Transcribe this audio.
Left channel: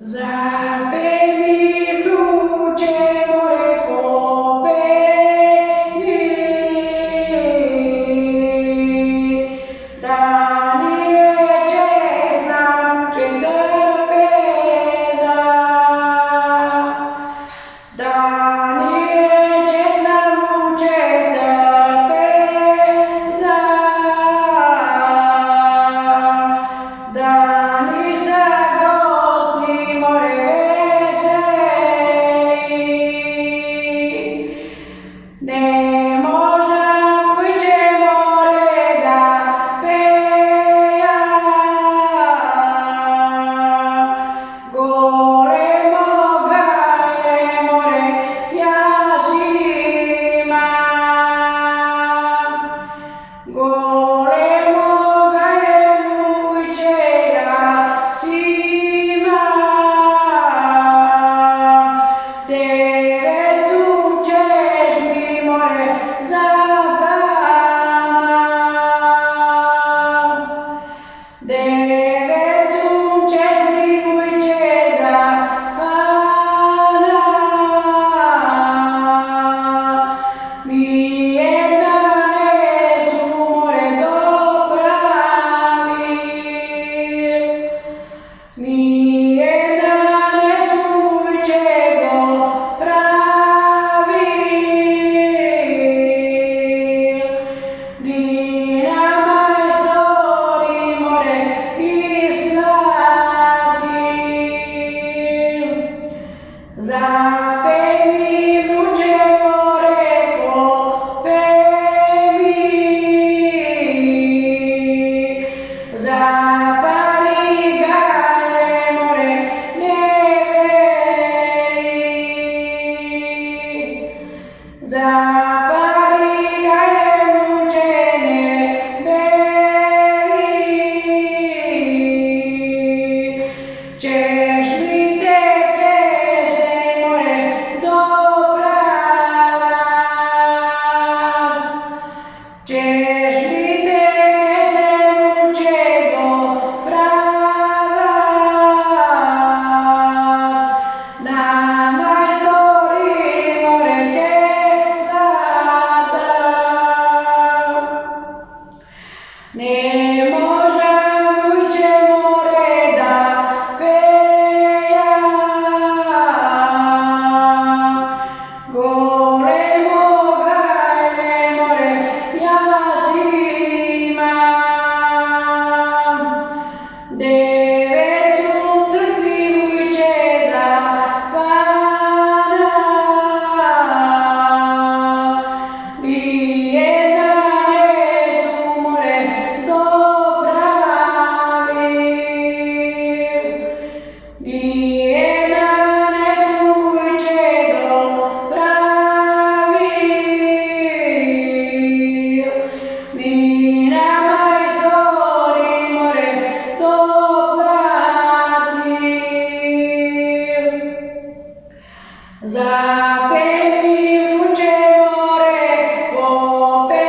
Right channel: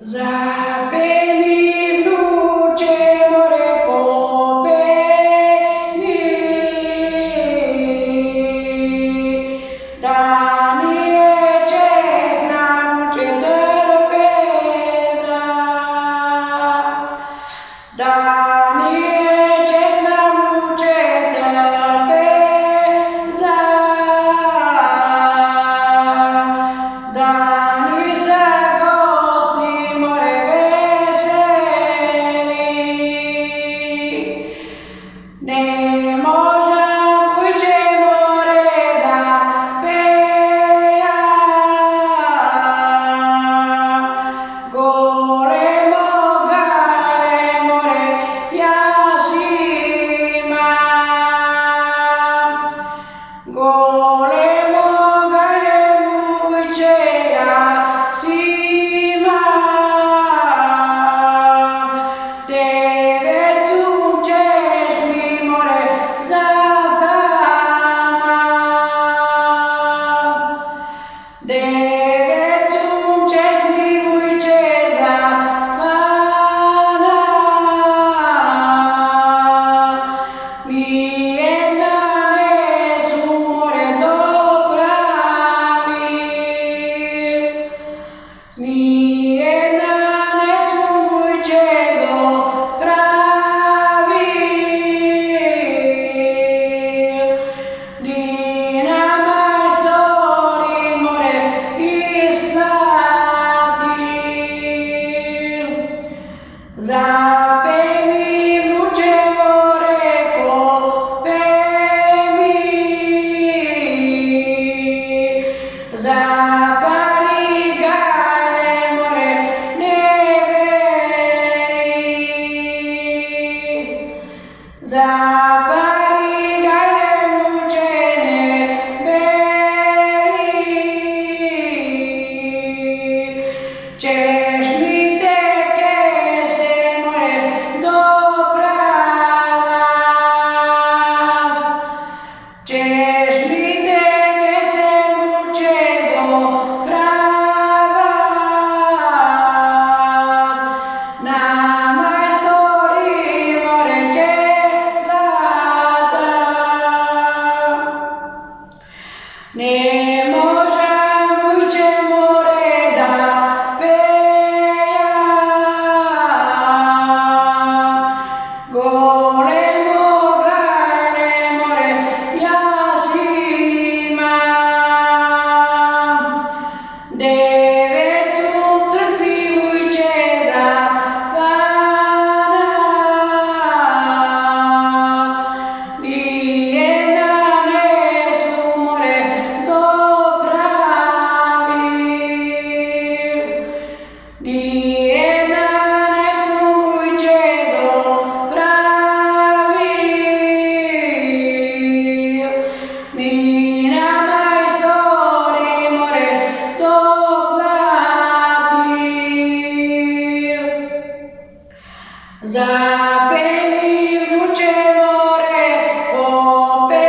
Zapemi w ludzie more popeni, Danie znam cię trpeza, Danie znam cię trpeza, Danie zagosti more veseli, ne možem uđe more da peja, golemo gale more jasima, golemo gale muđe jasima, devetum ćeš mi more zapanat, devetum ćeš mi muđe zapanat, mi jedna neću more dopravit, mi jedna neću muđe dopravit, ni na majstori more isplatit. Zapemi muđe more popemi, zapali gale more ne veri, zapali gale muđe ne veri, ćeš mi te kese more dopravat, ćeš mi te kese muđe dopravat, na majstori more će platat, ne možem uđe more da peja, golemo gale more jasima, devetum crkvi muđe zapanat, ni jedna neću more dopravit, ni jedna neću muđe dopravit, mi na majstori more doplatit. Zapemi vruće more popemi,